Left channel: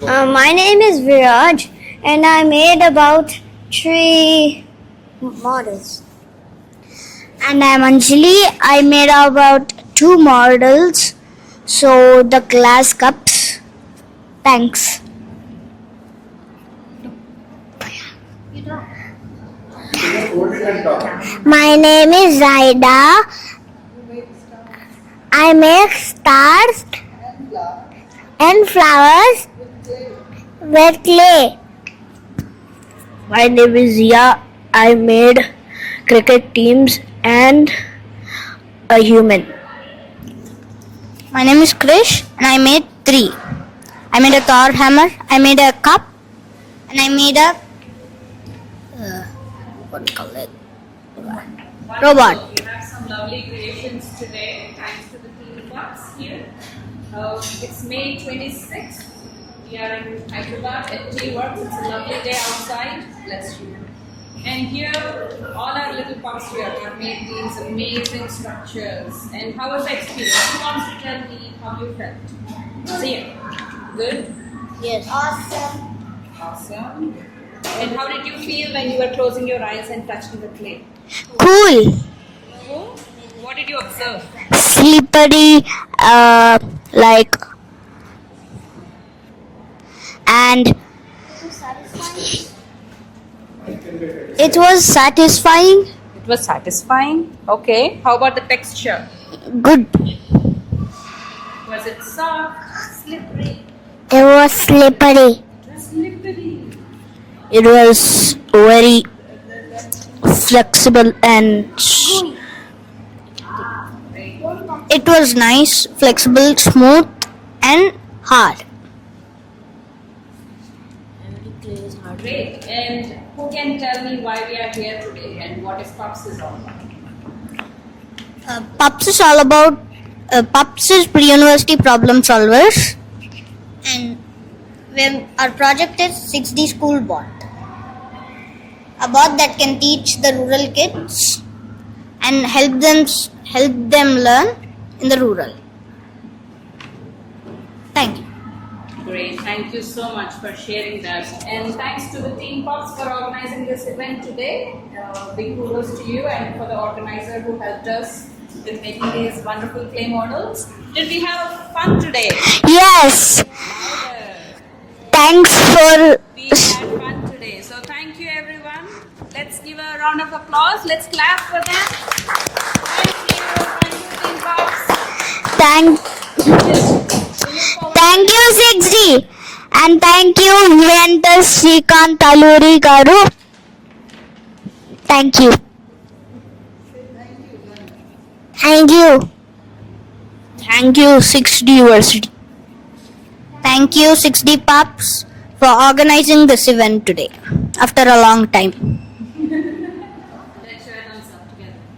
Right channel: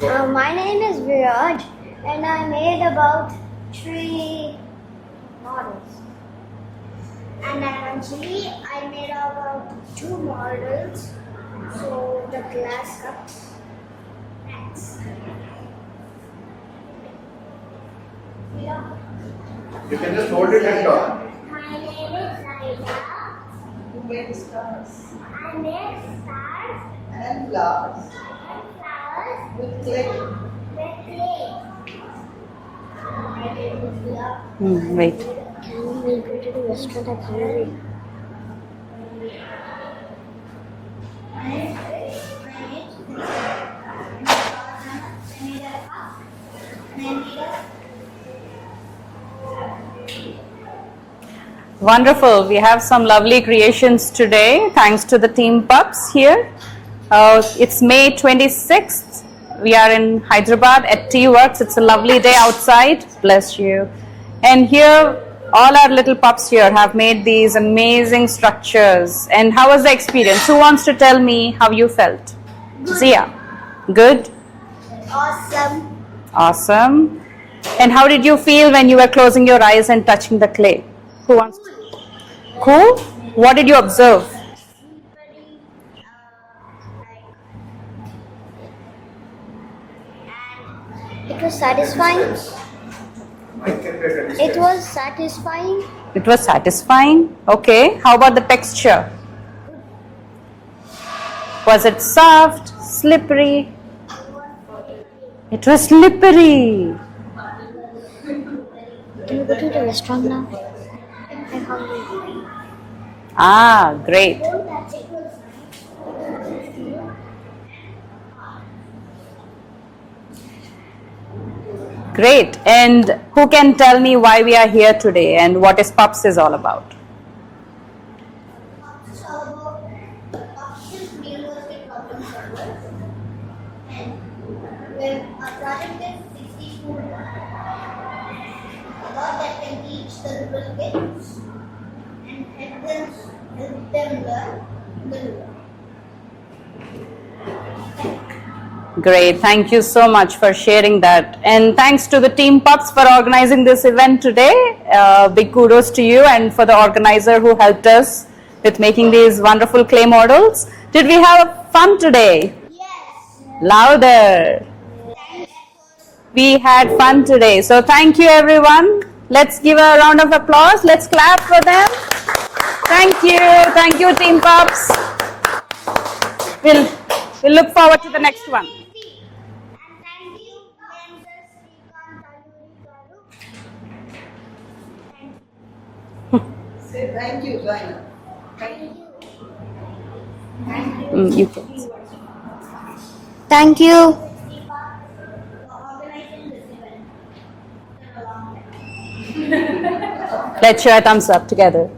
My name is Viraj, and I made about 3 models. And I'm Anjali. I made about 2 models. So the glass cups. Thanks. My name is Zaida. I make stars and flowers with clay. My name is Zia. I made cricket teams and a human. My name is Krish and I made 3. I made a Thor hammer, I made a cup, and I made a what do you call it? Wonderful. Robot. We have some lovely creations today thanks to the team PUPS here. It's May 26th. We are in Hyderabad at Tea Works. It's a lovely day outside. Bless you. And here, all our little pups here have made these amazing structures. And how was the experience? Who wants to tell me how you felt? Zia. Good? Yes. Awesome. Awesome. And how did you feel when you were closing your eyes and touching the clay? Cool. Cool? What did you observe? Slippery, and it was satisfying. It was satisfying. It was satisfying. Okay. How about the texture? Good. Was it soft, slippery? It was slippery. It was slippery. It was very flexible and Great. it was nice, flexible, smooth, and hard. Great. And who can tell me why we are here today and what is PUPS is all about? PUPS is all about PUPS is pre-university problem solvers, and our project is 6D school bot. A bot that can teach the rural kids and help them learn in the rural. Thank you. Great. Thank you so much for sharing that. And thanks to the team PUPS for organizing this event today. Big kudos to you and for the organizer who helped us with making these wonderful clay models. Did we have fun today? Yes. Louder. Thanks for. We had fun today. So thank you everyone. Let's give a round of applause. Let's clap for them. Thank you. Thank you team PUPS. We'll look forward to the Thank next you, one. 6D. And thank you, Juventus Srikant Taluri Garu. Thank you. Thank you, Zaina. Thank you. Thank you, 6D University. Thank you, 6D PUPS, for organizing this event today after a long time. Let's share a thumbs up together.